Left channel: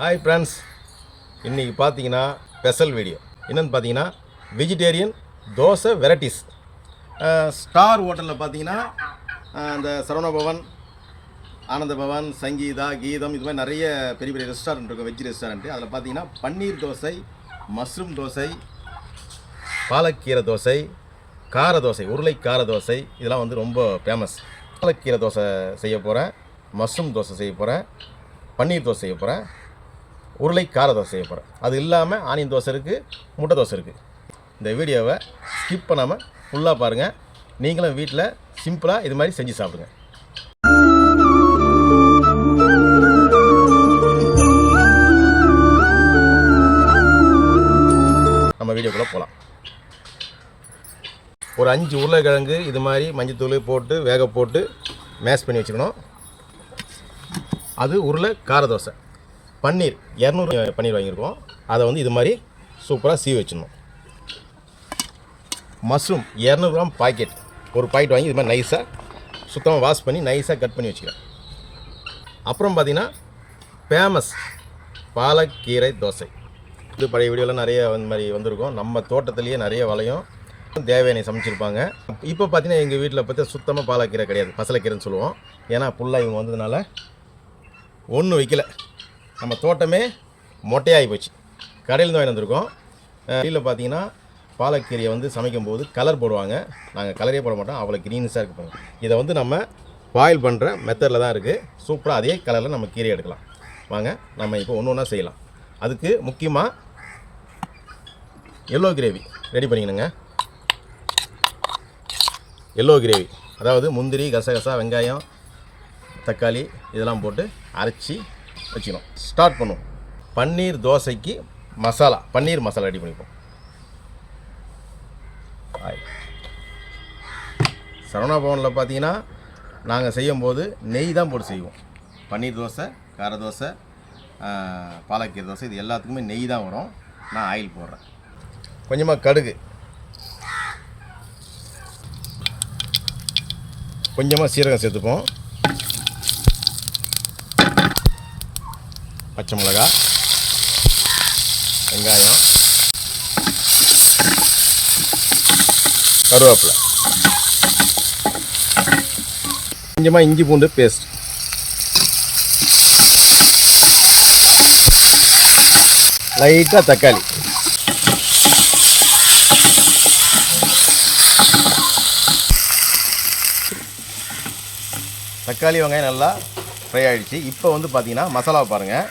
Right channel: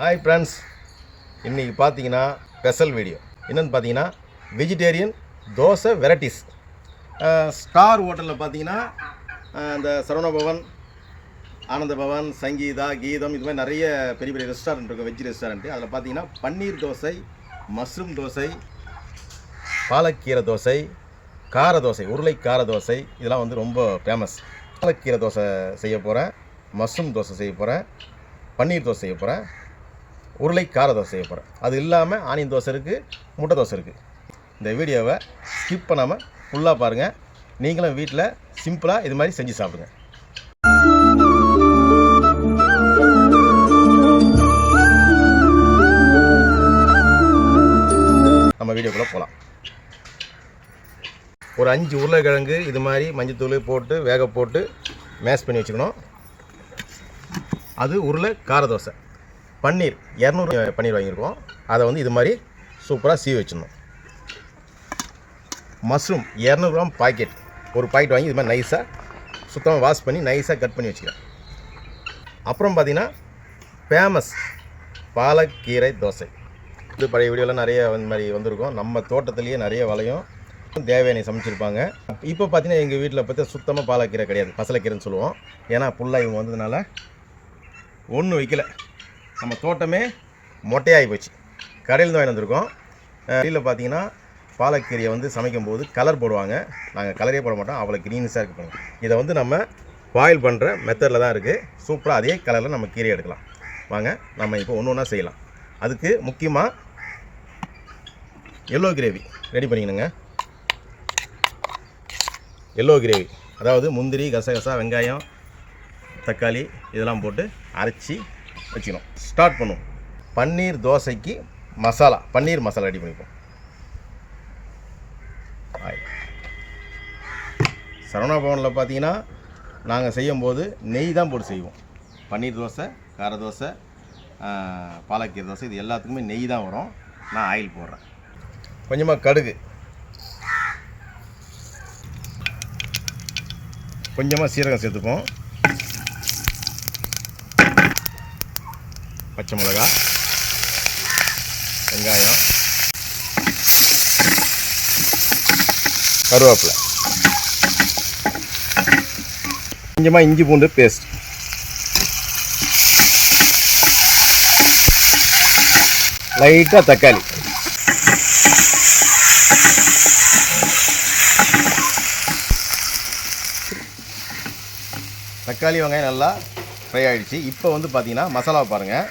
Hi friends, இன்றைக்கி பார்த்தீங்கன்னா special video என்னென்னு பார்த்தீங்கன்னா வெஜிடேரியன் தோசை வெரைட்டிஸ். ஸ்டார் ஹோட்டலில் பார்த்தீங்கன்னா இந்த சரவண பவன், ஆனந்த பவன், சங்கீதா, கீதம் இது மாதிரி நிறைய பெரிய பெரிய ரெஸ்டாரண்ட் இருக்கும், வெஜ் ரெஸ்டாரண்ட்டு. அதில் பார்த்தீங்கன்னா பன்னீர் தோசை, மஷ்ரூம் தோசை, பாலக்கீரை தோசை, கார தோசை, உருளை கார தோசை இதெல்லாம் வந்து ரொம்ப ஃபேமஸ். பாலக்கீரை தோசை செய்ய போகிறேன், மஷ்ரூம் தோசை செய்ய போகிறேன், பன்னீர் தோசை செய்ய போகிறேன், உருளை கார தோசை செய்ய போகிறேன். அது இல்லாமல் ஆனியன் தோசை இருக்குது, முட்டை தோசை இருக்குது. இந்த வீடியோவை ஸ்கிப் பண்ணாமல் ஃபுல்லாக பாருங்கள். நீங்களும் வீட்டில் சிம்பிளாக இது மாதிரி செஞ்சு சாப்பிடுங்க. நம்ம வீடியோக்குள்ளே போகலாம். ஒரு 5 உருளைக்கிழங்கு இது மாதிரி மஞ்சத்தூள் போட்டு வேக போட்டு மேஷ் பண்ணி வச்சுக்கணும். அது உருளை கார தோசை. பன்னீர் 200 பன்னீர் வாங்கியிருக்கோம், அதை வந்து இது மாதிரி சூப்பராக சீவி வச்சிடணும். மஷ்ரூம் 200 கிராம் பாக்கெட், ஒரு பாக்கெட் வாங்கி இது மாதிரி நைஸாக சுத்தமாக வாஷ் பண்ணி நைஸாக கட் பண்ணி வச்சுக்கிறேன். அப்புறம் பார்த்திங்கன்னா ஃபேமஸ் பாலக்கீரை தோசை. இது பழைய வீடியோவில் நிறைய இந்த மாதிரி வந்திருக்கும். நம்ம தோட்டத்துலேயே நிறைய வளையும் தேவையான சமைச்சிருப்பாங்க. இப்போ பார்த்திங்கன்னா எங்கள் வீட்டில் பார்த்து சுத்தமாக பாலக்கீரை கிடையாது, பசலைக்கீரைன்னு சொல்லுவோம். ஏன்னா ஃபுல்லாக இவங்க வந்ததுனால ஒன்றும் வைக்கல. நம்ம தோட்டமே மொட்டையாகி போச்சு. கடையிலேருந்து வாங்கி வந்திருக்கோம். வெளியில் பார்த்தீங்கன்னா பாலக்கீரையை வந்து சமைக்கும் போது கலர் போடுவாங்க. நாங்கள் கலரே போட மாட்டோம், அவ்வளோ க்ரீன்ஸாக இருக்கு. இதை வந்து நம்ம பாயில் பண்ணுற மெத்தடில் தான் இருக்குது. சூப்பராக அதே கலரில் நம்ம கீரை எடுக்கலாம். வாங்க நம்ம இப்போ ஒன்று ஒன்றா செய்யலாம். அதுக்கு முக்கியமாக எல்லோ கிரேவி ரெடி பண்ணிக்கணுங்க. எல்லோ கிரேவி அதாவது முந்திரி, கசகசா, வெங்காயம், தக்காளி இதெல்லாம் போட்டு அரைச்சி வச்சுக்கணும். ஸ்டார்ட் பண்ணுவோம். பன்னீர் தோசைக்கு மசாலா, பன்னீர் மசாலா ரெடி பண்ணிப்போம். சரவணா பவனில் பார்த்தீங்கன்னா நாங்கள் செய்யும்போது நெய் தான் போட்டு செய்வோம். பன்னீர் தோசை, கார தோசை, பாலக்கீரை தோசை இது எல்லாத்துக்குமே நெய் தான் வரும். நான் ஆயில் போடுறேன். கொஞ்சமாக கடுகு, கொஞ்சமாக சீரகம் சேர்த்துப்போம். பச்சை மிளகா, வெங்காயம், கருவேப்பிலை, கொஞ்சமாக இஞ்சி பூண்டு பேஸ்ட், லைட்டாக தக்காளி, தக்காளி வெங்காயம் நல்லா ஃப்ரை ஆகிடுச்சு. இப்போ வந்து பார்த்திங்கன்னா மசாலாவை பாருங்கள்.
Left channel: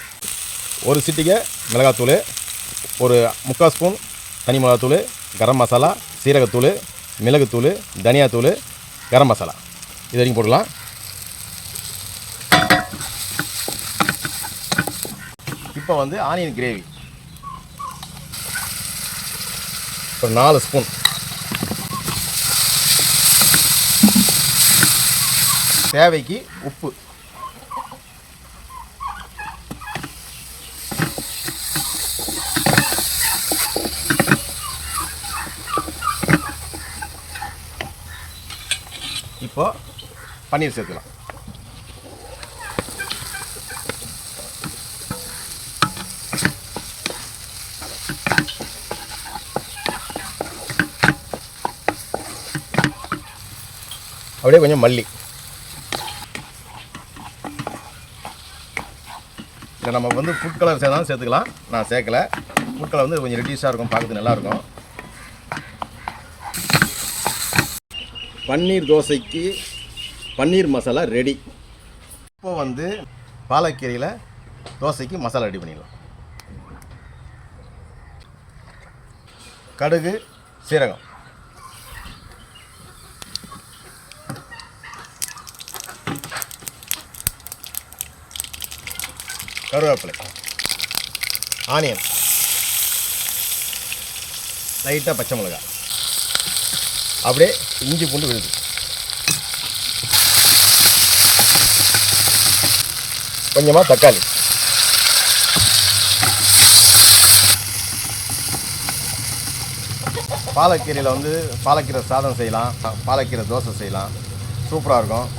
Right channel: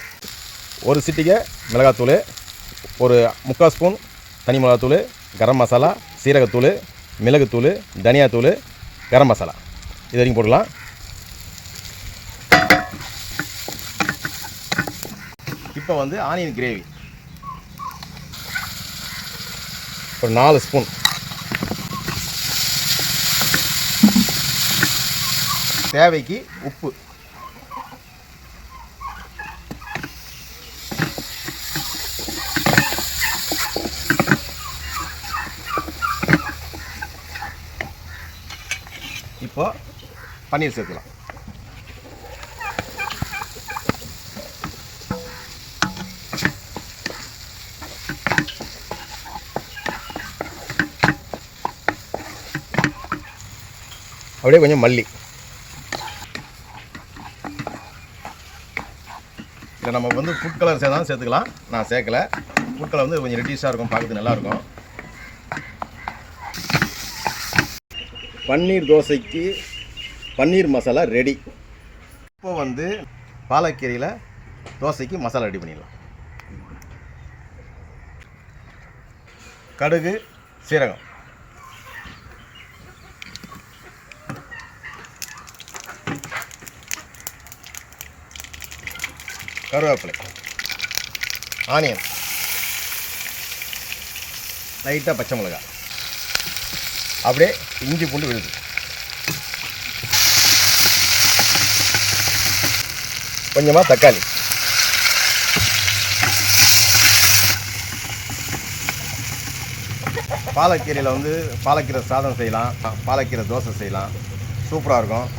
ஒரு சிட்டிகை மிளகாத்தூள், ஒரு 3/4 ஸ்பூன் தனி மிளகாத்தூள், கரம் மசாலா, சீரகத்தூள், மிளகுத்தூள், தனியாத்தூள், கரம் மசாலா இது வரைக்கும் போடலாம். இப்போ வந்து ஆனியன் கிரேவி ஒரு 4 ஸ்பூன், தேவைக்கு உப்பு, இப்போ பன்னீர் சேர்த்துக்கலாம். அப்படியே கொஞ்சம் மல்லி. இதில் நம்ம வந்து ஃபுட் கலர் சேர்த்தாலும் சேர்த்துக்கலாம், நான் சேர்க்கலை. ஃபுட் கலர் வந்து கொஞ்சம் ரெட்டிஷாக இருக்கும், பார்க்கறதுக்கு நல்லாயிருக்கும். பன்னீர் தோசைக்கு பன்னீர் மசாலா ரெடி. இப்போ வந்து பாலக்கீரையில் தோசைக்கு மசாலா ரெடி பண்ணிடலாம். கடுகு, சீரகம், கருவேப்பிலை, ஆனியன், லைட்டாக பச்சை மிளகாய், அப்படியே இஞ்சி பூண்டு விழுது, கொஞ்சமாக தக்காளி, பாலக்கீரையில் வந்து பாலக்கீரை சாதம் செய்யலாம், பாலக்கீரை தோசை செய்யலாம், சூப்பராக இருக்கும்.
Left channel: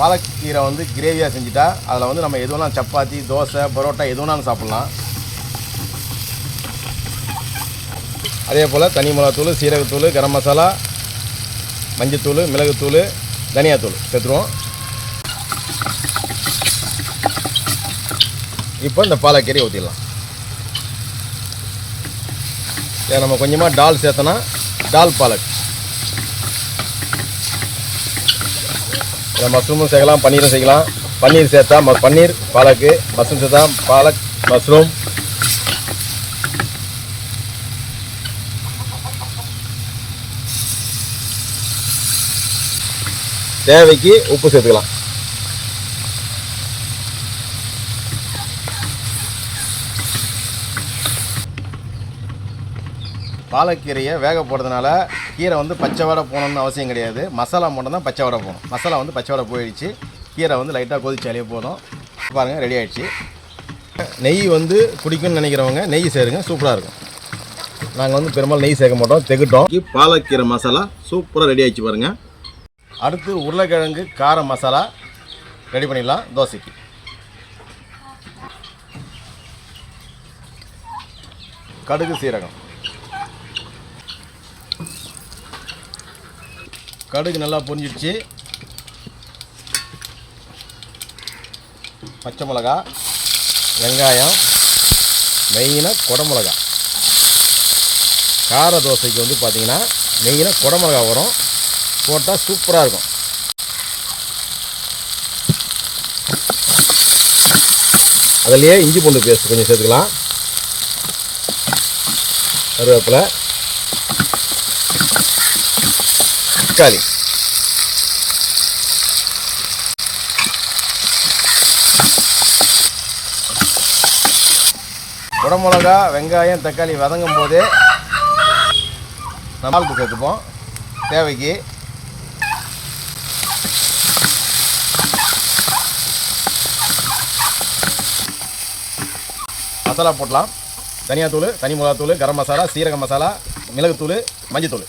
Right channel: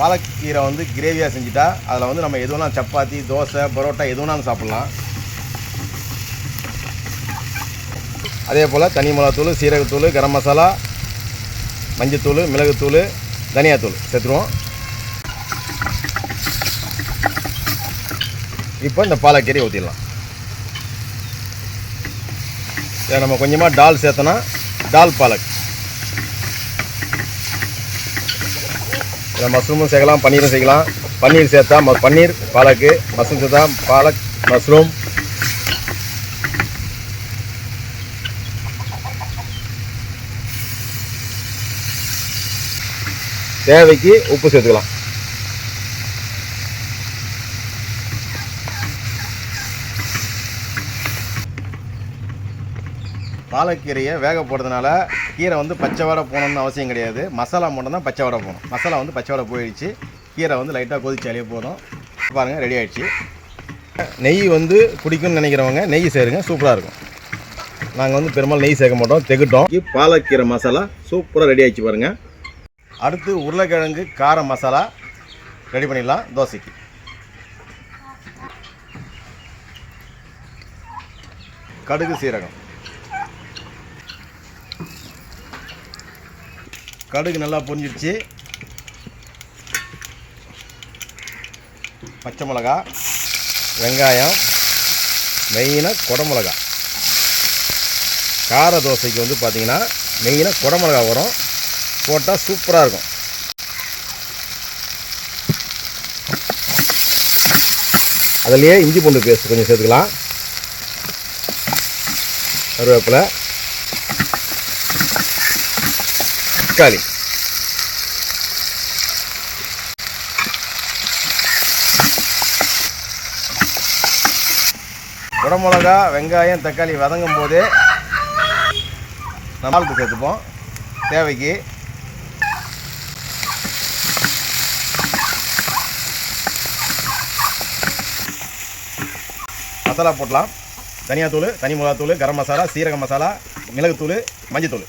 பாலக்கீரை வந்து கிரேவியாக செஞ்சுட்டா அதில் வந்து நம்ம எது வேணாலும் சப்பாத்தி, தோசை, பரோட்டா எது வேணாலும் சாப்பிட்லாம். அதே போல் தனி மிளகாத்தூள், சீரகத்தூள், கரம் மசாலா, மஞ்சத்தூள், மிளகுத்தூள், தனியாத்தூள் சேர்த்துருவோம். இப்போ இந்த பாலக்கீரையை ஊற்றிடலாம். இதை நம்ம கொஞ்சமாக டால் சேர்த்தோன்னா டால் பாலக். இதில் மஷ்ரூமும் சேர்க்கலாம், பன்னீரும் சேர்க்கலாம். பன்னீர் சேர்த்தா பன்னீர் பாலக்கு, மஷ்ரூம் சேர்த்தா பாலக் மஷ்ரூம். தேவைக்கு உப்பு சேர்த்துக்கலாம். பாலக்கீரையை வேக போடுறதுனால கீரை வந்து பச்சை வடை போகணுன்னு அவசியம் கிடையாது. மசாலா மட்டும் தான் பச்சை வடை போகணும். மசாலா வந்து பச்சை வடை போயிடுச்சு. கீரை வந்து லைட்டாக கொதிச்சாலே போதும். பாருங்கள், ரெடி ஆகிடுச்சு. நெய் வந்து குடிக்கும்னு நினைக்கிறவங்க நெய் சேருங்க, சூப்பராக இருக்கும். நாங்கள் வந்து பெரும்பாலும் நெய் சேர்க்க மாட்டோம், தெகிட்டோம். பாலக்கீரை மசாலா சூப்பராக ரெடி ஆகிடுச்சு பாருங்கள். அடுத்து உருளைக்கிழங்கு கார மசாலா ரெடி பண்ணிடலாம் தோசைக்கு. கடுகு, சீரகம். கடுகு நல்லா பொரிஞ்சிடுச்சு. பச்சை மிளகா, வெங்காயம், மெயினாக குடமிளகா. கார தோசைக்கு வந்து பார்த்திங்கன்னா மெயினாக குடமிளகா வரும், போட்டால் சூப்பராக இருக்கும். அதிலேயே இஞ்சி பூண்டு பேஸ்ட் கொஞ்சம் சேர்த்துக்கலாம். கருவேப்பிலை, தக்காளி. குடமிளகா, வெங்காயம், தக்காளி வதங்கும் போதே நம்ம சால்ட்டு சேர்த்துப்போம் தேவைக்கு. மசாலா போடலாம். தனியாத்தூள், தனி மிளகாத்தூள், கரம் மசாலா, சீரக மசாலா, மிளகுத்தூள், மஞ்சத்தூள்.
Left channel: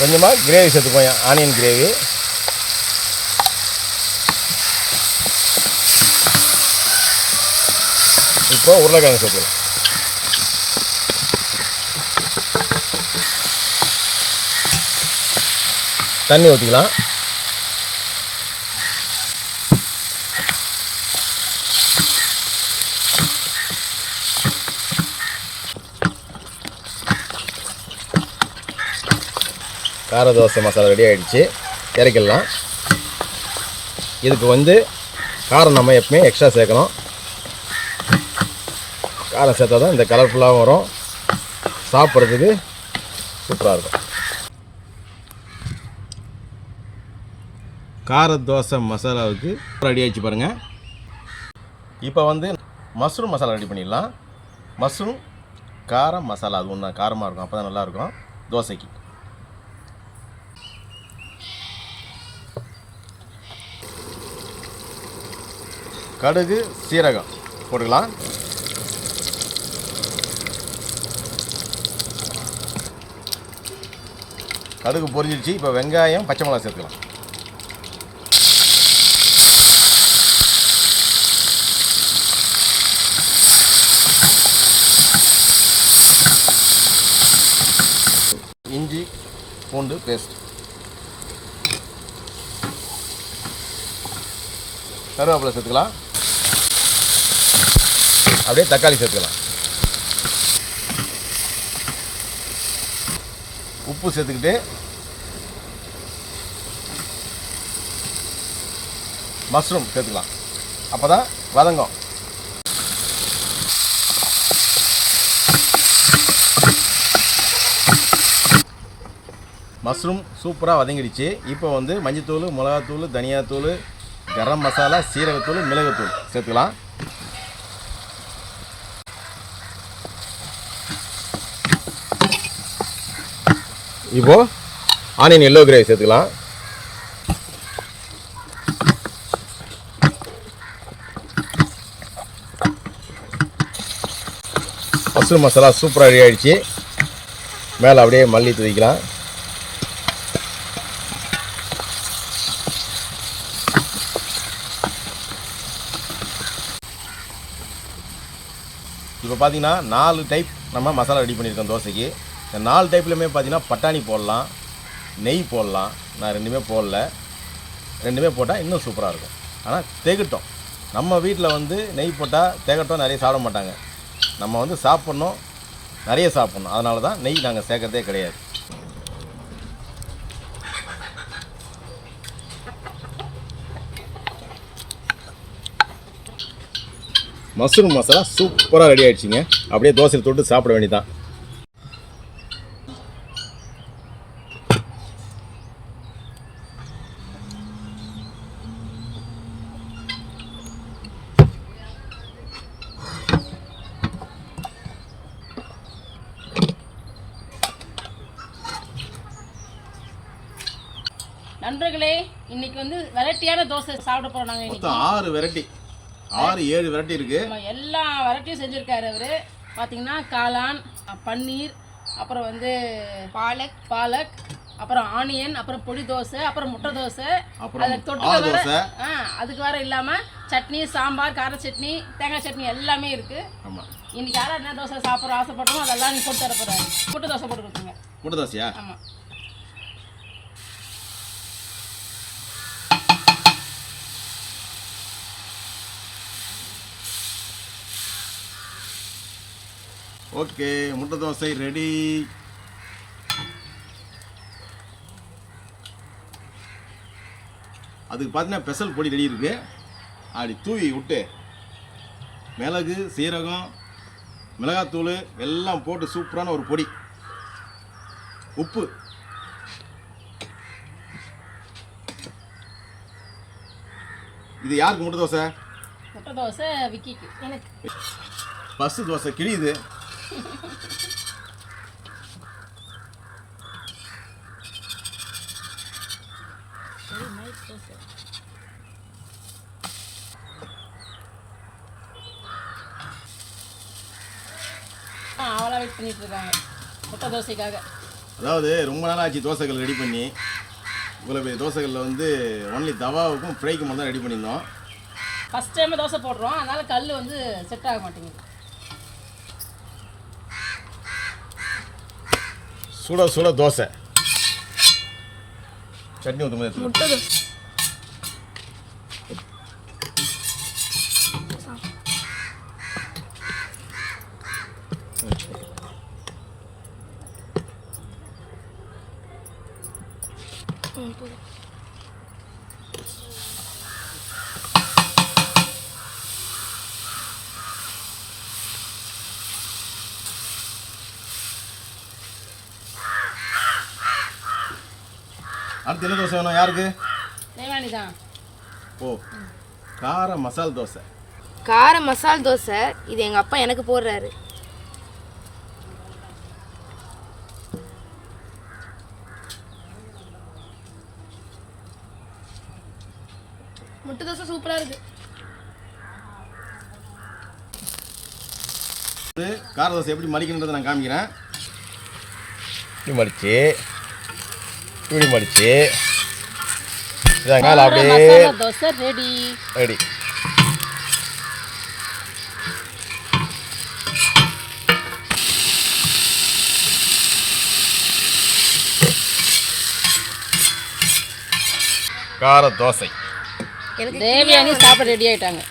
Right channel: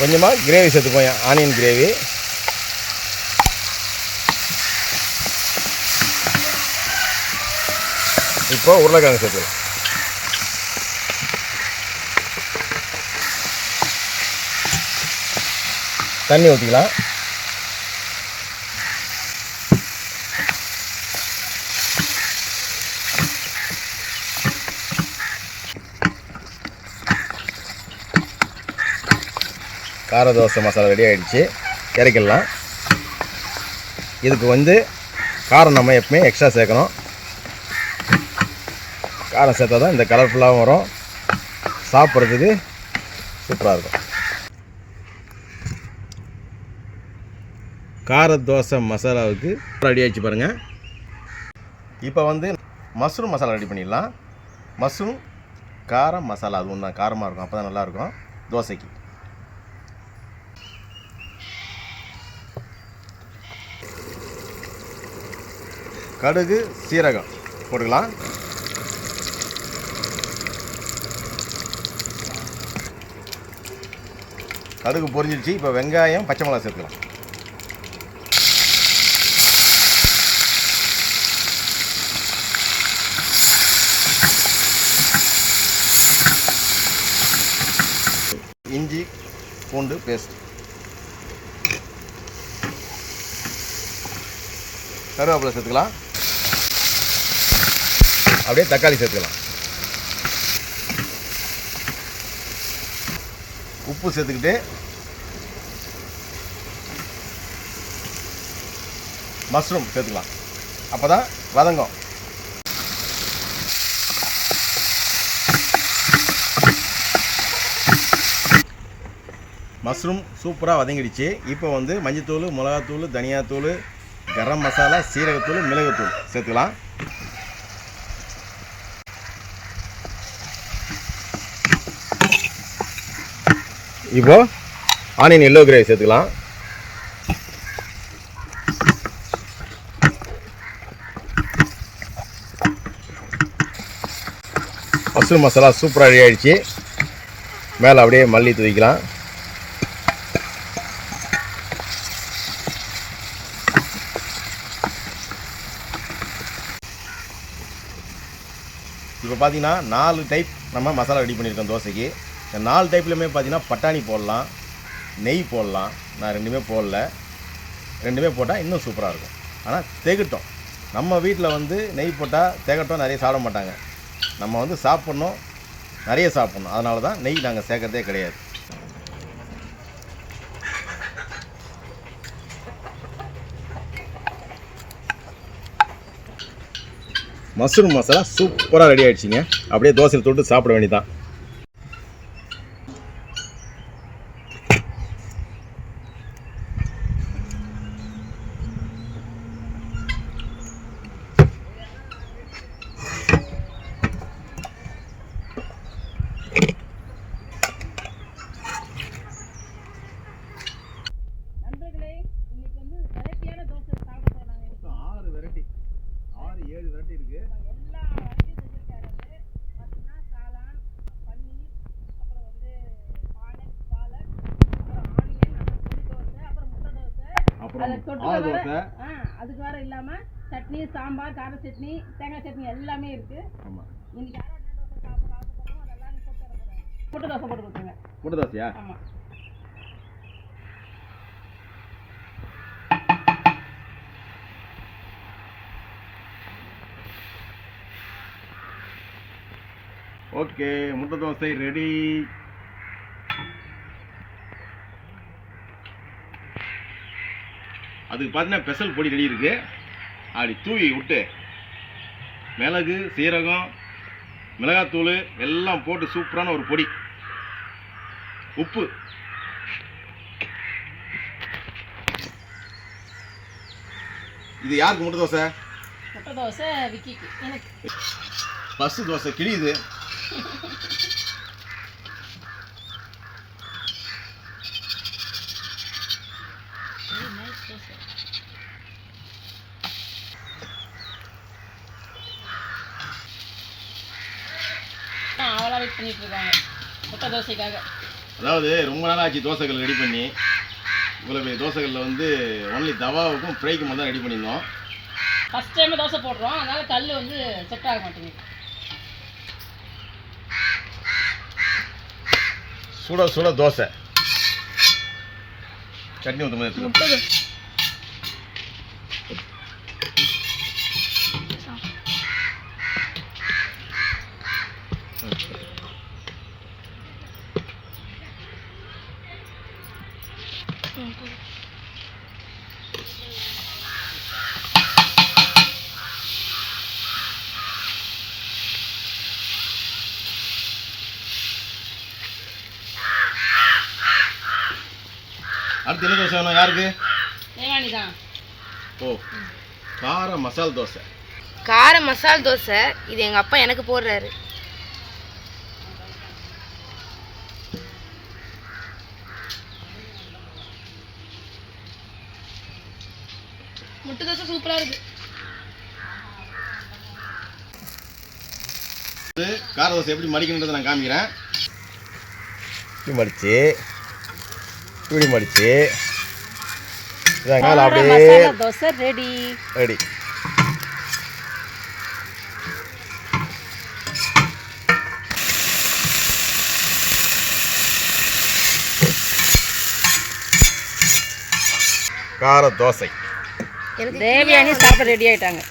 கொஞ்சமாக கிரேவி சேர்த்துப்போம், ஆனியன் கிரேவி. இப்போ உருளைக்கிழங்கு சேர்த்துக்கலாம். தண்ணி ஊற்றிக்கலாம். கார தோசை மசாலா ரெடி ஆகிடுச்சு, இறக்கிடலாம். இதுக்கு வந்து காரம் நம்ம எப்பவுமே எக்ஸ்ட்ரா சேர்க்கணும். காரம் சேர்த்தா தான் இந்த கலர்ஃபுல்லாகவும் வரும், சாப்பிட்றதுக்கு சூப்பராக இருக்கும். கார தோசை மசாலாவுக்கு ரெடி ஆகிடுச்சு பாருங்கள். இப்போ வந்து மஷ்ரூம் மசாலா ரெடி பண்ணிடலாம். மஷ்ரூம் கார மசாலா, அது ஒன்று தான் காரமாக இருக்கும், அப்போ தான் நல்லாயிருக்கும் தோசைக்கு. கடுகு, சீரகம் போட்டுக்கலாம். கடுகு பொரிஞ்சிடுச்சு. இப்போ வெங்காயம், பச்சை மிளகாய் சேர்த்துக்கலாம். இஞ்சி பூண்டு பேஸ்ட், கருவேப்பிலை சேர்த்துக்கலாம். அப்படியே தக்காளி சேர்த்துக்கலாம். உப்பு சேர்த்துக்கிட்டு மஷ்ரூம் சேர்த்துக்கலாம், அப்போ தான் வதங்கும். மஷ்ரூம் சூப்பராக வதங்கிடுச்சு. இப்போ வந்து மஞ்சத்தூள், மிளகாத்தூள், தனியாத்தூள், கரம் மசாலா, சீரகத்தூள், மிளகுத்தூள் சேர்த்துக்கலாம். இப்போது ஆனியன் எல்லோ கிரேவி சேர்த்துக்கலாம். மஷ்ரூம் மசாலா சூப்பராக ரெடி ஆகிடுச்சு. மேலே அப்படியே மல்லி தூவிக்கலாம். இப்போ பார்த்தீங்கன்னா 4 டைப் நம்ம மசாலா ரெடி பண்ணியிருக்கோம் தோசைக்கு. இந்த 4 டைப்லையுமே பார்த்தீங்கன்னா பட்டாணி போடலாம், நெய் போடலாம். நான் ரெண்டுமே போடல. ரெண்டுமே போட்டால் இன்னும் சூப்பராக இருக்கும். ஆனால் திகட்டும். நம்ம வீட்டில் வந்து நெய் போட்டால் திகட்டும், நிறைய சாப்பிட மாட்டாங்க. நம்ம வந்து சாப்பிட்ணும், நிறைய சாப்பிட்ணும். அதனால தான் நெய் நாங்கள் சேர்க்கறதே கிடையாது. மஷ்ரூம் மசாலா சூப்பராக ரெடி ஆகிடுச்சிங்க. அப்படியே தோசையில் தொட்டு சாப்பிட வேண்டியதான். நண்பர்களே, இன்னைக்கு வந்து வெரைட்டியான தோசை சாப்பிட போறோம். நாங்கள் இன்னைக்கு 6 வெரைட்டி, 6-7 வெரைட்டி இருக்கு. எல்லா வெரைட்டியும் செஞ்சிருக்காரு அவரு. பார்த்தீங்கன்னா காளான், பன்னீர், அப்புறம் வந்து பாலக், அப்புறம் ஆனியன், அப்புறம் பொடி தோசை, அப்புறம் முட்டை தோசை, அதுக்கு தொட்டுக்க வேற அதுக்கு வேற இல்லாமல் சட்னி, சாம்பார், கார சட்னி, தேங்காய் சட்னி எல்லாமே இருக்கு. இன்னைக்கு யாரும் என்ன தோசை சாப்பிட்ற ஆசைப்படுறோமோ அதெல்லாம் நீ போட்டு தர போறாரு. முட்டை தோசை போட்டு கொடுத்துங்க. முட்டை தோசையா? ஆமாம். ஓகே, முட்டை தோசை ரெடி. அதுக்கு பார்த்தீங்கன்னா ஸ்பெஷல் பொடி ரெடி இருக்கு. அப்படி தூவி விட்டு மிளகு, சீரகம், மிளகாத்தூள் எல்லாம் போட்டு சூப்பரான ஒரு பொடி. உப்பு, இது யாருக்கு முட்டை தோசை? முட்டை தோசை விக்கிக்கு. எனக்கு ஃபஸ்ட்டு தோசை கிழியுது. அவளா வெயிட் பண்ணிட்டு இருக்காங்க முட்டை தோசைக்காக. அதாவது ரொம்ப நாள் ஆச்சு தோசைகள் ரெடி பண்ணி. இவ்வளோ பெரிய தோசைகளில் வந்து ஒன்லி தவாவுக்கும் ஃப்ரைக்கும் மட்டும் தான் ரெடி பண்ணியிருந்தோம். ஃபஸ்ட் டைம் தோசை போடுறோம், அதனால கல் வந்து செட் ஆக மாட்டேங்குது. சுட சுட தோசை, சட்னி ஊற்ற மாதிரி முட்டை தோசை. அடுத்து என்ன தோசை வேணும் யாருக்கு? தேவானி தான். ஓ, கார மசால் தோசை. கார மசால் தோசை இது எங்கள் அப்பா எனக்கு போடுறாரு. முட்டை தோசை சூப்பராக இருக்கு. கார தோசை எப்படி மடிக்கணுன்றதை நான் காமிக்கிறேன். இப்படி மடிச்சு மசாலா தோசை ரெடி. கார தோசை. தேவியானி சாப்பிட ரெடி ஆயிட்டாங்க.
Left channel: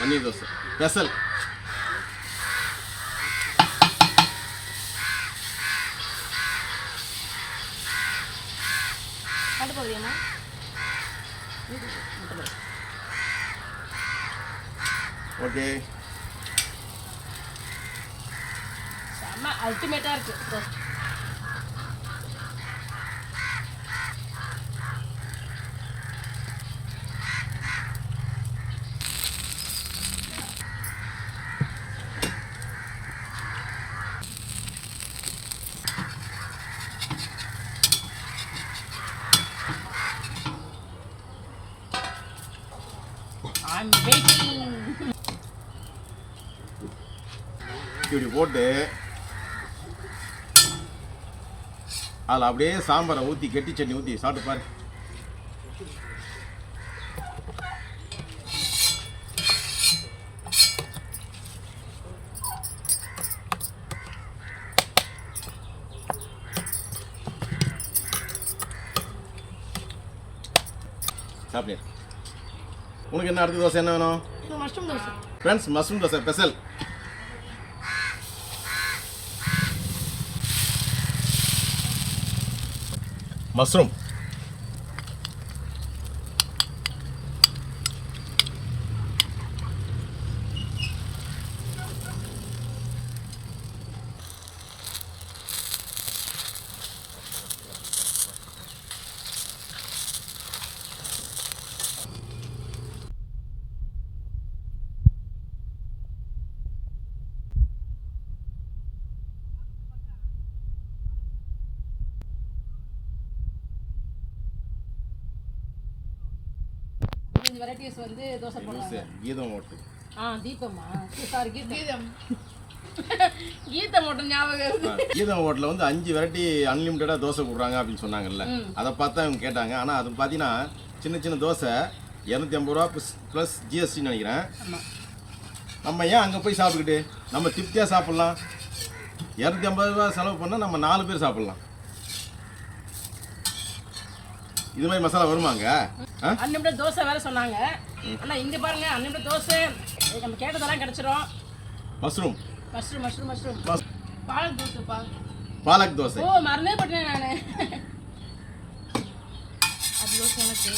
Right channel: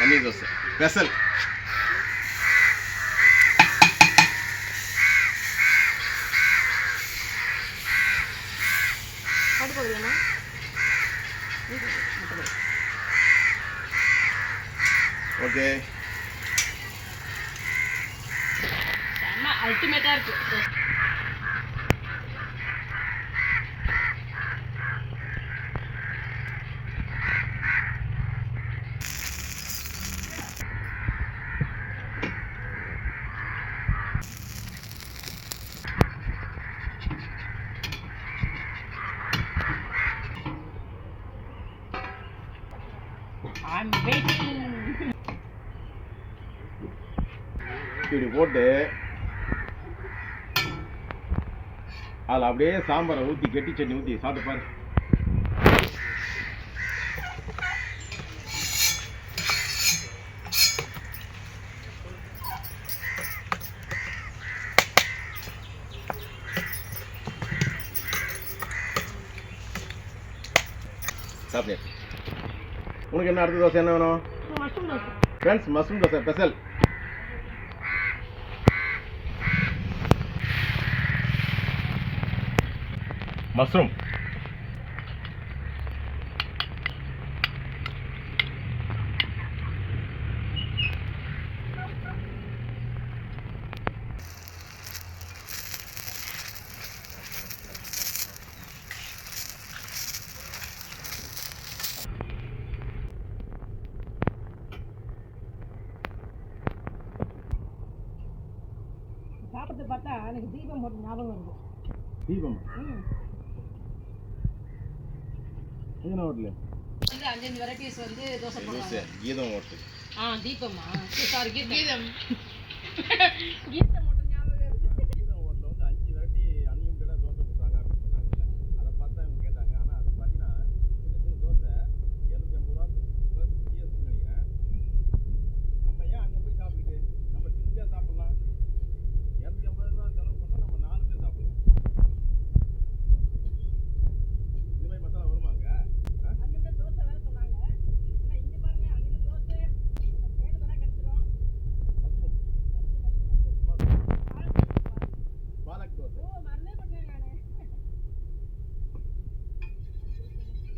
பன்னீர் தோசை ஸ்பெஷல். ஓகே, செம்ம அல்டிமேட்டா இருக்கு. இப்படி போட்டு அதில் அப்படியே சாம்பாரை ஊற்றி கெட்டி சட்னி ஊற்றி சாப்பிட்டு பாரு. சாப்பிடு. உனக்கு என்ன அடுத்த தோசை என்ன வேணும்? Mushroom dosa. Friends, mushroom dosa special. Mushroom சாப்பிட்டு பார்த்தா எனக்கு தீபம் போட்டு ஞாபகம் வருது. தீபம் என்ன ஹோட்டலு? வந்து 5 வெரைட்டிஸ் வந்து தோசை போடுவாங்க. கீதம் ஹோட்டு. தீபமா? சாரி, கீதம். கீதம் ஹோட்டல் ஞாபகம் வருது. கீதம் ஹோட்டலில் வந்து 5 வெரைட்டி அன்லிமிட்டடாக தோசை கொடுக்குறாங்க அப்படின்னு சொன்னாங்கல்ல. அதை பார்த்தா இவங்க கேட்டாங்க. ஆனால் அது பார்த்தீங்கன்னா சின்ன சின்ன தோசை 250 ரூபா ப்ளஸ் ஜிஎஸ்டின்னு நினைக்கிறேன். நம்ம ஏன் அங்கே போய் சாப்பிட்டுக்கிட்டு நம்ம திருப்தியாக சாப்பிட்லாம். 250 ரூபா செலவு பண்ணால் நம்ம 4 பேர் சாப்பிட்லாம். இது மாதிரி மசாலா வருமாங்க? அன்லிமிட்டட் தோசை வேற சொன்னாங்க. ஆனால் இங்கே பாருங்க, அன்லிமிட்டட் தோசை நம்ம கேட்டதெல்லாம் கிடைச்சிரும். Mushroom mushroom mushroom mushroom palak தோசைப்பா. பாலக் தோசை. ஓ, மறந்தே போட்டேன் நான். அது தோசை எனக்கு.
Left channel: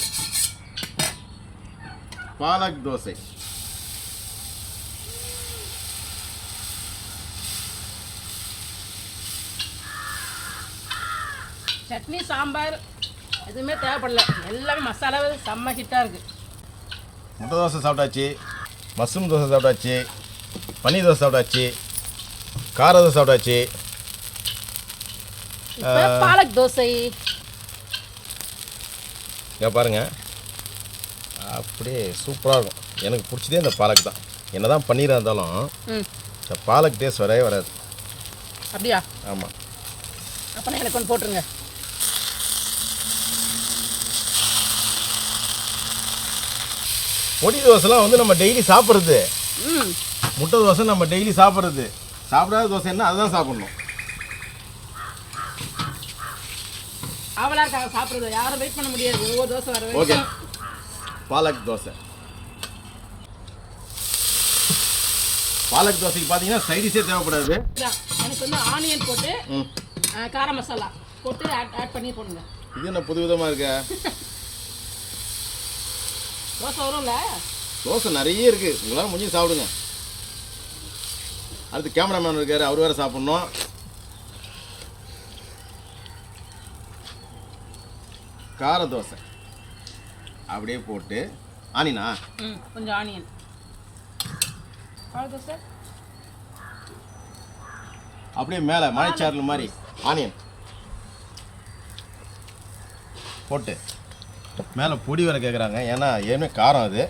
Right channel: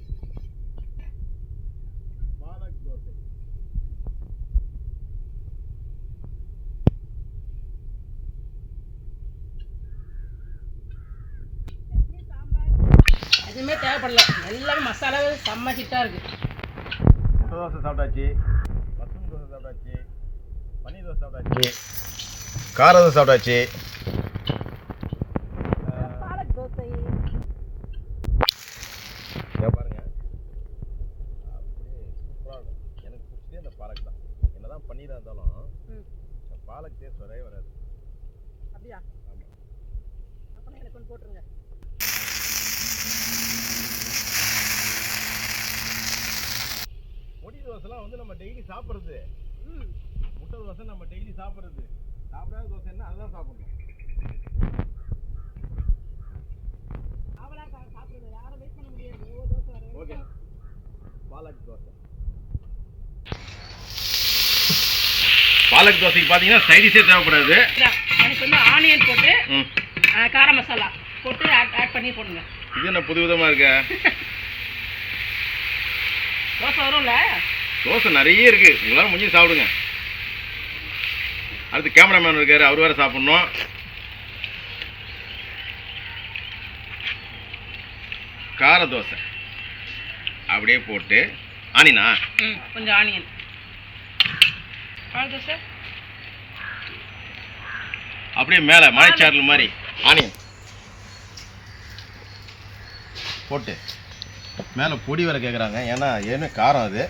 பாலக் தோசை. சட்னி சாம்பார் எதுவுமே தேவைப்படல. எல்லாமே மசாலா செம்ம ஹிட்டாக இருக்குது. முட்டை தோசை சாப்பிட்டாச்சு, மஷ்ரூம் தோசை சாப்பிட்டாச்சு, பன்னீர் தோசை சாப்பிட்டாச்சு, கார தோசை சாப்பிட்டாச்சு. பாலக் தோசை இங்கே பாருங்கள், அப்படியே சூப்பராக இருக்கும். எனக்கு பிடிச்சதே இந்த பாலக் தான். என்ன தான் பன்னீராக இருந்தாலும் இந்த பாலக் டேஸ்ட் வரவே வராது. அப்படியா? ஆமாம். அப்போ எனக்கு ஒன்று போட்டுருங்க. பொடி தோசைலாம் வந்து நம்ம டெய்லி சாப்பிட்றது. முட்டை தோசை நம்ம டெய்லி சாப்பிட்றது. சாப்பிடாத தோசை என்ன, அதுதான் சாப்பிட்ணும். அவளா இருக்காங்க சாப்பிட்றது, யாரும் வெயிட் பண்ண முடியாது. ஒவ்வொரு தோசை வர ஓகே, பாலக் தோசை. பாலக் தோசைக்கு பார்த்தீங்கன்னா சைடிஷே தேவைப்படாது. எனக்கு வந்து ஆனியன் போட்டு கார மசாலா போட்டு ஆட் பண்ணி போடுங்க. இது என்ன புது விதமாக இருக்க? தோசை வரும்ல? தோசை நிறைய இருக்குது, உங்களால் முடிஞ்சு சாப்பிடுங்க. அடுத்து கேமராமேன் இருக்கார், அவர் வேறு சாப்பிட்ணும். கார தோசை அப்படியே போட்டு ஆனியனா? கொஞ்சம் ஆனியன். பால் தோசை அப்படியே மேலே மலைச்சாரல் மாதிரி ஆனியன் போட்டு மேலே பொடி வேறு கேட்குறாங்க. ஏன்னா ஏன்னா காரம் அது.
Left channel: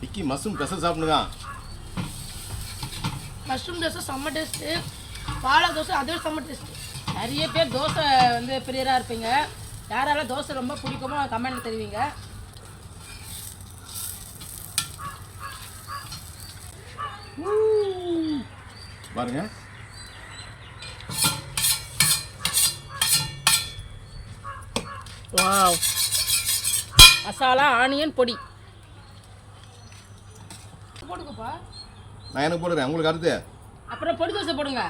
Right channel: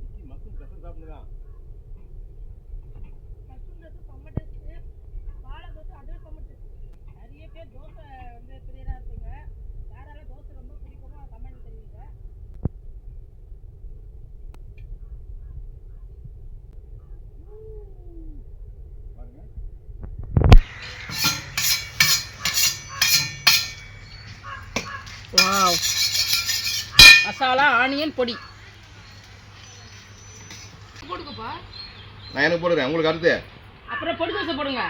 விக்கி மஷ்ரூம் ஸ்பெஷல் சாப்பிடுதான். மஷ்ரூம் தோசை செம்ம டேஸ்ட்டு, பாலக் தோசை அதே செம்ம டேஸ்ட்டு. நிறைய பேர் தோசை வந்து பிரியராக இருப்பீங்க. யாரால தோசை ரொம்ப பிடிக்குமோ கமெண்ட்ல தெரிவிங்க. பாருங்க, வாவ், மசாலா ஆனியன் பொடி போடுங்கப்பா. நான் எனக்கு போடுறேன், உங்களுக்கு அடுத்து அப்புறம் பொடி தோசை போடுங்க.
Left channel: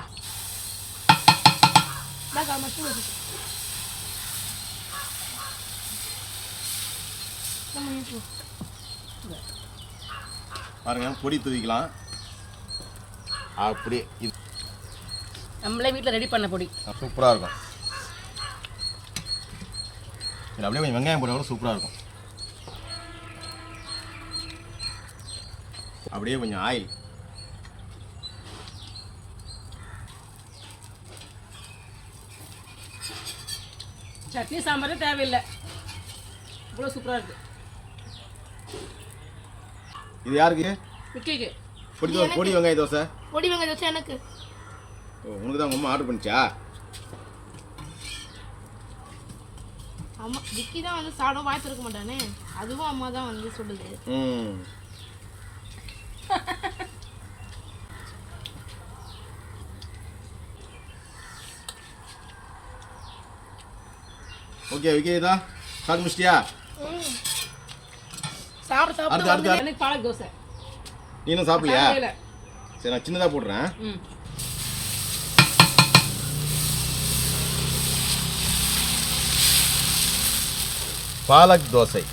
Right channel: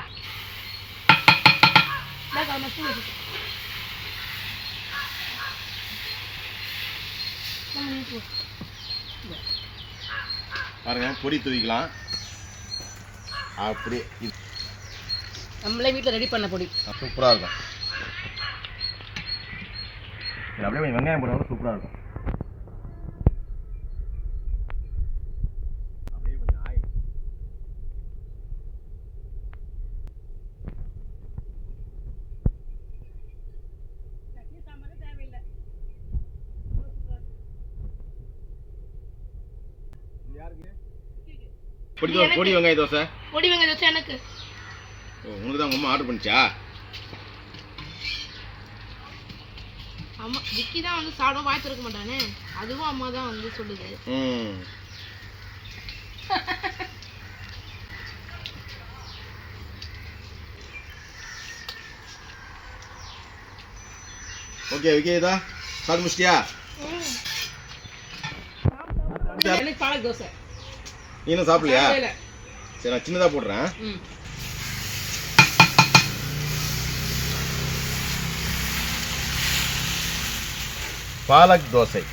பாருங்க, பொடி தூவிக்கலாம். அப்படியே இது நம்மளே வீட்டில் ரெடி பண்ண பொடி சூப்பராக இருக்கும். இது அப்படியே கொஞ்சம் வெங்காயம் போட சூப்பராக இருக்கும். அப்படியே கொஞ்சம் ஆயில். சட்னி சாம்பாரே தேவையில்லை. இவ்வளோ சூப்பராக இருக்குது. இது யாருக்கு? விக்கிக்கு. பொடி வெங்காய தோசை. பொடி வெங்காய தோசை எனக்கு. ஓ, உனக்கு தான் உங்கள் அம்மா ஆர்டர் பண்ணிச்சா? ஆமாம், விக்கி தான் வந்து சாப்பிட வாய்ப்பு இருக்க மாட்டானே, அதுவும் அம்மா தான் வந்து சொல்லுது. ஓகே விக்கி, இதா சாப்பிட்டு முடிச்சிட்டியா? சாப்பிட எனக்கு பாலக் தோசை. நீ இன்னும் சாப்பிடலையா? இல்லை. சரி, நான் சின்னதாக போடுறேன். பாலக் தோசை.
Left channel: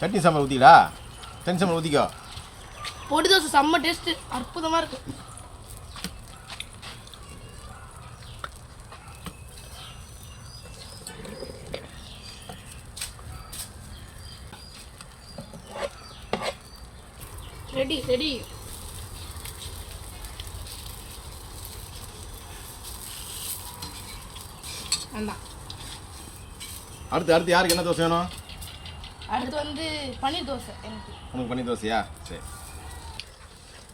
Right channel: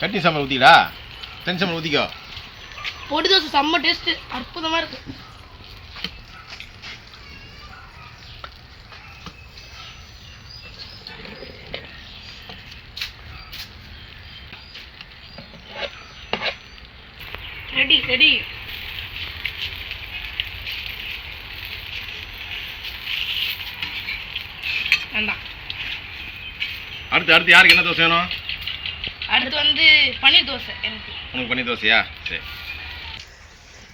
சட்னி சாம்பார் ஊற்றிடா. தனி சாம்பார் ஊற்றிக்கோ. பொடி தோசை செம்ம டேஸ்ட்டு, அற்புதமாக இருக்கு. Ready ready. வேண்டாம். அடுத்து யாருக்கு என்ன தோசை வேணும்? அடுத்து வந்து பன்னீர் தோசை எனக்கு. உனக்கு பன்னீர் தோசையா? சரி.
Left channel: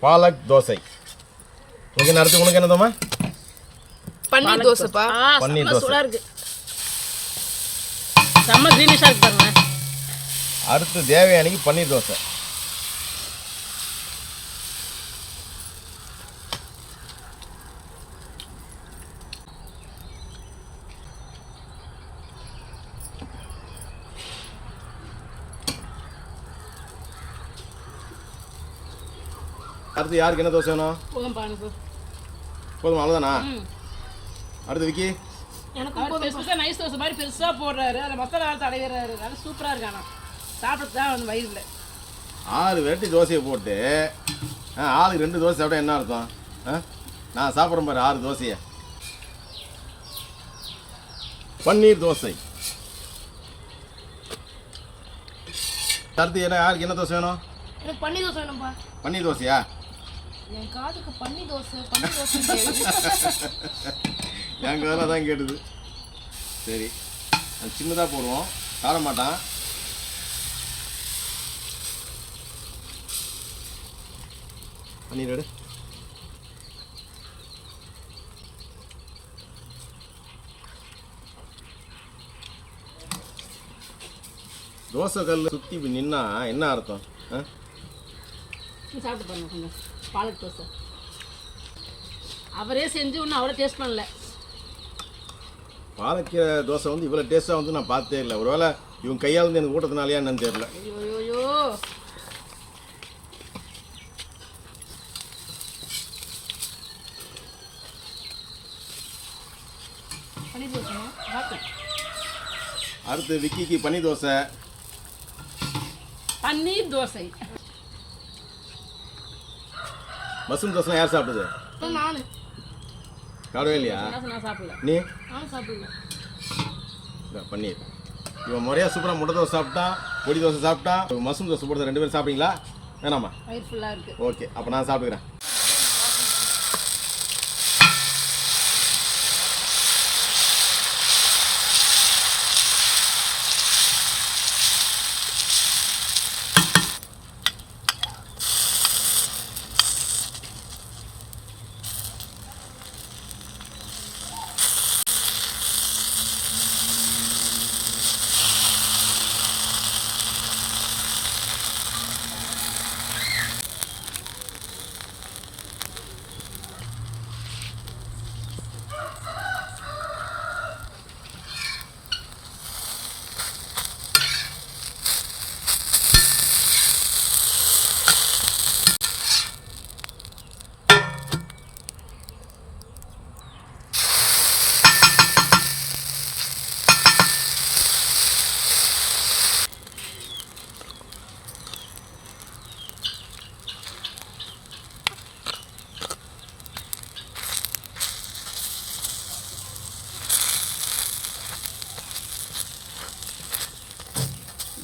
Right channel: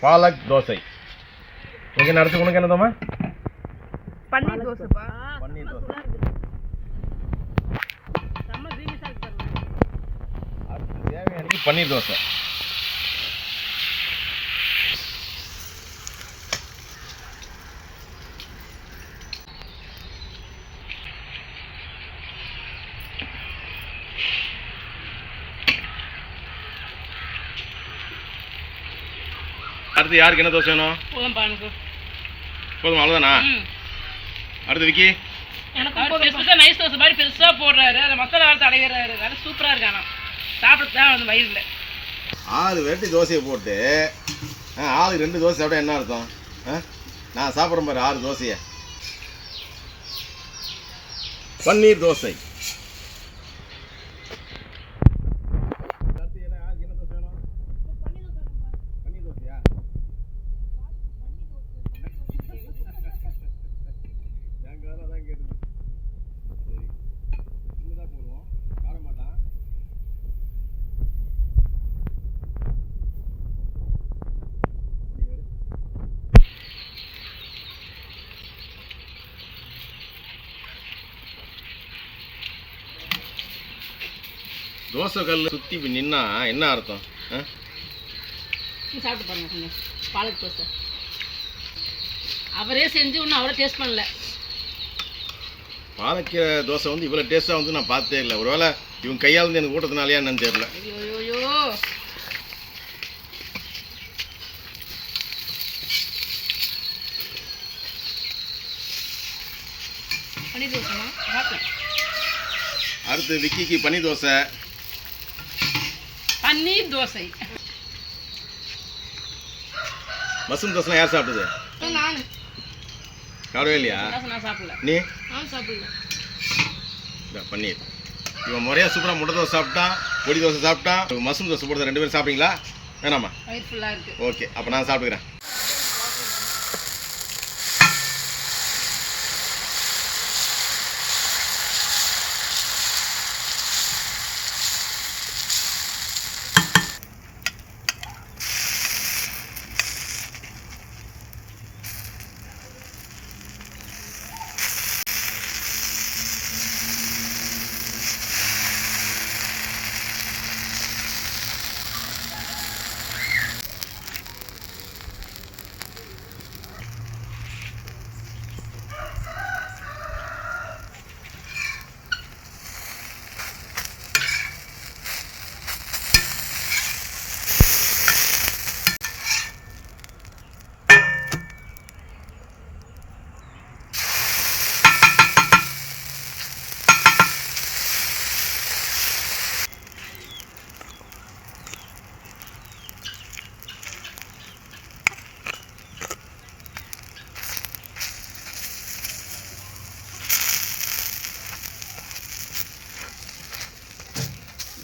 பாலக் தோசை. உனக்கு என்ன அடுத்து? உனக்கு என்ன தோமா? பன்னீர் தோசைப்பா. பன்னீர் தோசை. சூடாக இருக்குது. செம்ம க்ரீனிஷாக இருக்கு பாருங்க. அடுத்து தேவயானிக்கு பன்னீர் தோசை. அடுத்து யாருக்கு என்ன தோசை வேணும்? போதும்பா எனக்கு. போதுமா? அவ்வளோதானா? அடுத்து விக்கி. எனக்கு நைஸ் தோசை மாதிரி பெருசாக போடுறாரு. அதை மசாலா வளர்த்து அடைகிறாரு. அது சூப்பராக இருக்கு. ஆனால் சாப்பிட்டு தான் வந்து வயிறு இல்லை. 6 வெரைட்டி தோசையை போட்டு ஆளுக்கு 2 தோசை சாப்பிட்டா என்ன அர்த்தம்? நான் சாப்பிட்றேன் பாரு 6 தோசையை. பன்னீர் தோசை. அடுத்து யாருக்கு என்ன தோசை வேணும்? எனக்கு பன்னீர் தோசை வேணும்பா. பன்னீர் தோசையா? என் காதுக்கு பன்னீர் தோசை பன்னீர் தோசை. என் காதில் தான் கேட்டுது. சரி, அது சின்னதாக போடுவோம், சாப்பிட மாட்டான். பன்னீர் எடு. தோசை கல் சுற்றி இப்படி நின்னா என்ன அர்த்தம்? சாப்பிட்டு பாருங்க கொஞ்சம் பாலக் தோசை. அவரே செஞ்சு இன்னும் அவரே டேஸ்ட் பண்ணல. பாலக்கீரை தோசை வந்து இவ்வளோ டேஸ்ட்டாக வந்து நான் பார்த்தே இல்லை. ஒருவேளை இவங்க கையால் வந்து எனக்கு ஊட்டத்தினாலையா என்னன்னு தெரியல. ஐயோ பன்னீர் தோசைமா. அடுத்து விக்கிக்கு பன்னீர் தோசை. பன்னீர் தோசை. மஷ்ரூம் தோசை யார் சாப்பிட்டது? நானு சாப்பிடவே இல்லையா? நான் சாப்பிடல. நீ? நானும் சாப்பிடல. பன்னீர் இவன் முறையாக சூப்பராக முட்டை தோசை சாப்பிட்டான், பொடி தோசை சாப்பிட்டான், மஷ்ரூம் தோசை போடுறது 2 பேரும் சாப்பிட்டீங்களா? வேணாமா? வயிறு ஃபுல்லாக இருக்குது. ஓகே, அப்போ நான் சாப்பிட்டுக்கிறேன்.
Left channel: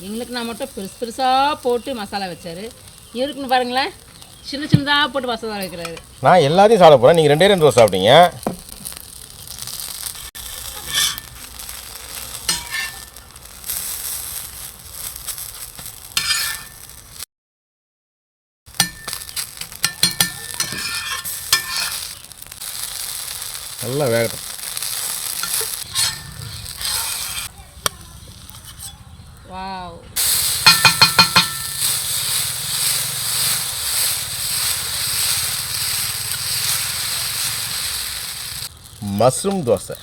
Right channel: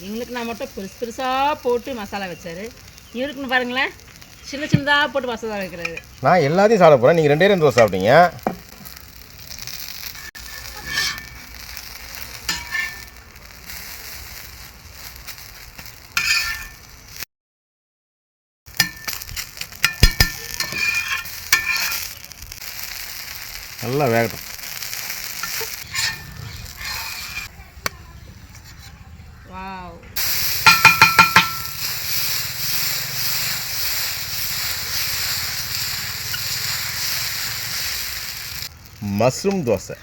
எங்களுக்கு நான் மட்டும் பெருசு பெருசாக போட்டு மசாலா வச்சாரு. இவருக்குன்னு பாருங்களேன், சின்ன சின்னதாக போட்டு மசாலா வைக்கிறாரு. நான் எல்லாத்தையும் சாப்பிட போகிறேன், நீங்கள் 2 தோசை சாப்பிட்டீங்க. நல்லா வேகட்டும். Wow, mushroom dosa.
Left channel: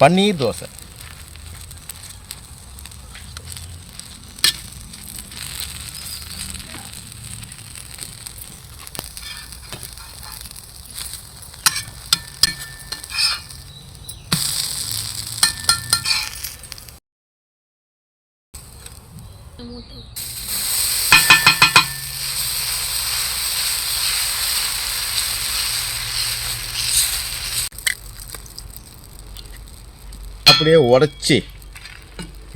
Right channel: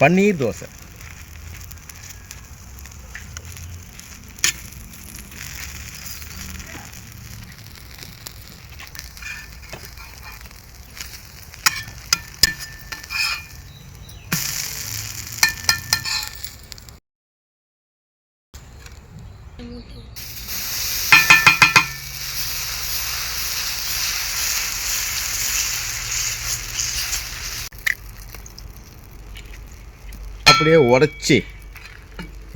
பன்னீர் தோசை. அப்படியே உடச்சி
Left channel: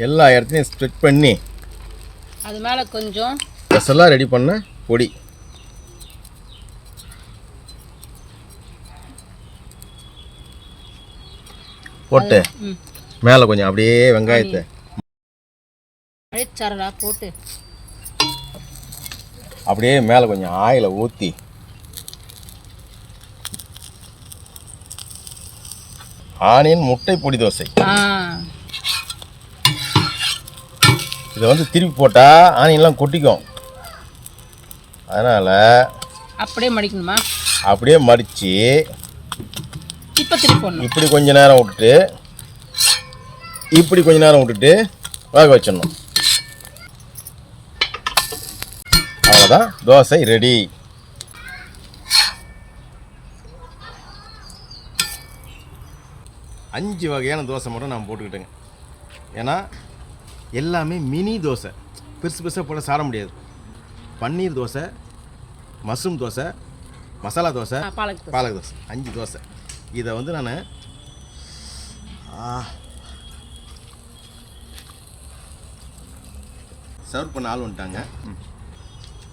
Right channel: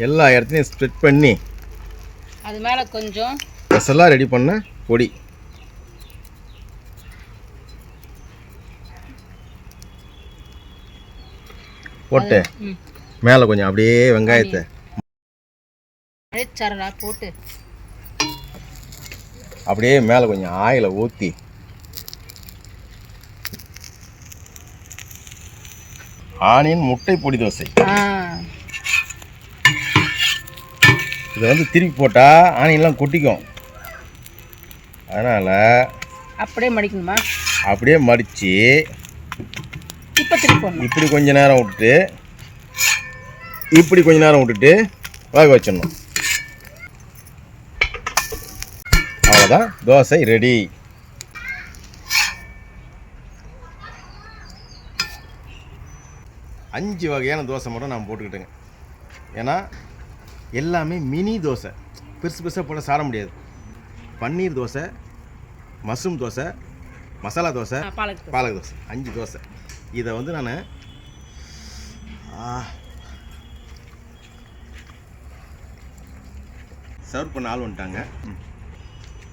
எல்லா இடத்துலையும் ஸ்ப்ரெட் பண்ணி அது மேலே கொஞ்சம் ஸ்பெஷலாக ரெடி பண்ண பொடி. போட்டு மேலே கொஞ்சம் அப்படியே வெங்காயத்தை அழைச்சாரடா போட்டு அப்படியே மேலே கொஞ்சம் ஆயிலை ஊற்றி ஆனியன் முட்டை பொடி தோசை. இதை வந்து திருப்பி போட்டால் ஆனியன்லாம் கொட்டிக்கும், அதனால் அப்படியே மடிக்கணுமா? அப்படியே மடித்து இப்போ திருப்பி போடணும். இப்படி கொஞ்ச நேரம் விட்டுட்டு இப்படி கொஞ்ச நேரம் விட்டுட்டு வேக வச்சிடணும். அவ்வளோதான், தோசை ரெடி. அஞ்சு வகையான தோசை மட்டும் நான் போட்டுக்கிட்டேங்க. ஏன்னா எல்லாமே மினி தோசை, பெருசு பெருசாக போட சாப்பிட முடியாது. பன்னீர் தோசை, மஷ்ரூம் தோசை, மசாலா தோசை, பாலக் தோசை, 5 தோசை. இதை வந்து நான் சர்வ் பண்ண ஆள் வந்துட்டாங்க.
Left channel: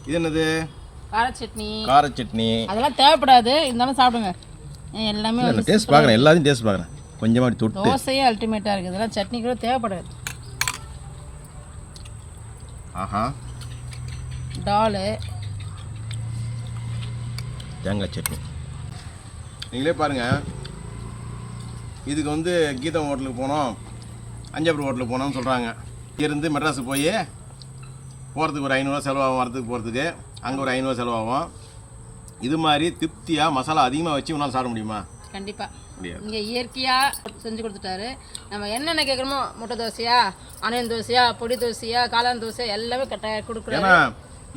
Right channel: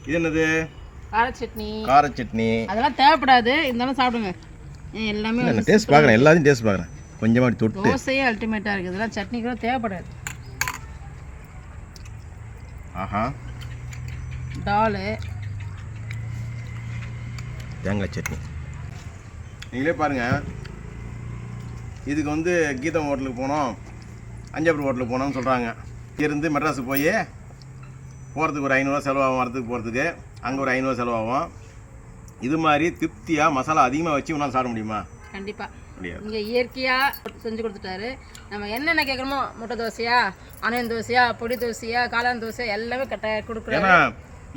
இது என்னது? கார சட்னி. கார சட்னி அதெல்லாம் தேவைப்படாது, இருந்தாலும் சாப்பிடுங்க. எல்லாமே நான் டேஸ்ட் பார்க்குறேன், எல்லாத்தையும் டேஸ்ட் பார்க்குறேன். கொஞ்சமாக தொட்டு. தோசையே அல்டிமேட்டாக இருக்குது, இதெல்லாம் சட்னி கூட தேவைப்படாது. ஆஹா, டாலு, தேங்காய் சட்னி. நீங்களே பாருங்கள், இதுக்கு வந்து கீதம் ஹோட்டலுக்கு போனோம், அஞ்சாபுரம் ஹோட்டலுக்கு போனோம்னு சொல்கிறாங்க. இருந்து மெட்ராஸுக்கு போய் போகிறதுக்கு ஒரு 500 செலவாகும், வரத்துக்கு போகிறதுக்கு அங்கே ஒரு 500 செலவாகும். இது மாதிரி திருப்தியாக மசாலா அதிகமாக வச்சு உன்னால் சாப்பிட முடியுமா? கண்டிப்பாக முடியாது. இங்கே இயற்கையாக செஞ்சு கொடுத்துட்டாரு. நம்ம என்னென்ன கேட்குறோமோ, முட்டை தோசையா, ஆனியன் தோசையா, பொடி தோசையா, காளான் தோசை எல்லாமே கொடுக்குறாங்க. ஏன்னா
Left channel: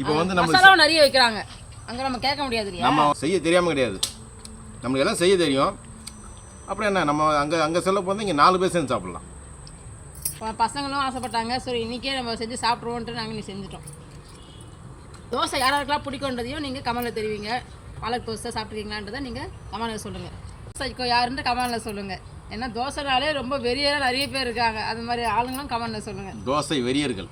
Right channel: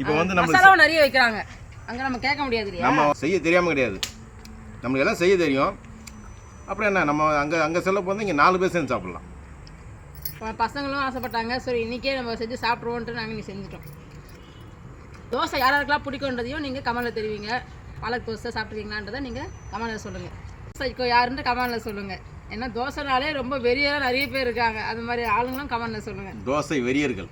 இப்போ வந்து நம்ம மசாலாவும் நிறைய வைக்கிறாங்க, அங்கே நம்ம கேட்க முடியாது இல்லையா? நம்ம செய்ய தெரியாமல் கிடையாது, நம்மளுக்கு எல்லாம் செய்ய தெரியும். அப்புறம் என்ன, நம்ம அங்கே செல்ல போது இங்கே 4 பேர் சேர்ந்து சாப்பிட்லாம். பசங்களும் ஆசைப்பட்டாங்க, சரி இன்றைக்கே நம்ம செஞ்சு சாப்பிட்ருவோன்ட்டு நாங்கள் இன்னைக்கு செஞ்சுட்டோம். தோசை யாராருக்கெல்லாம் பிடிக்குன்றதையும் நீங்கள் கமெண்டில் தெரிவிங்க. பாலக் தோசை சாப்பிட்ருக்கீங்களான்றதை நீங்கள் கமெண்டில் சொல்லுங்கள். தோசைக்கோ யாருன்ட்டு கமெண்டில் சொல்லுங்கள். ஏன்னா தோசைனாலே ரொம்ப வெறியெல்லாம் நிறைய பேர் இருக்காங்க, அது மாதிரி ஆளுங்களும் கமெண்டில் சொல்லுங்கள். தோசை வெறியர்கள்.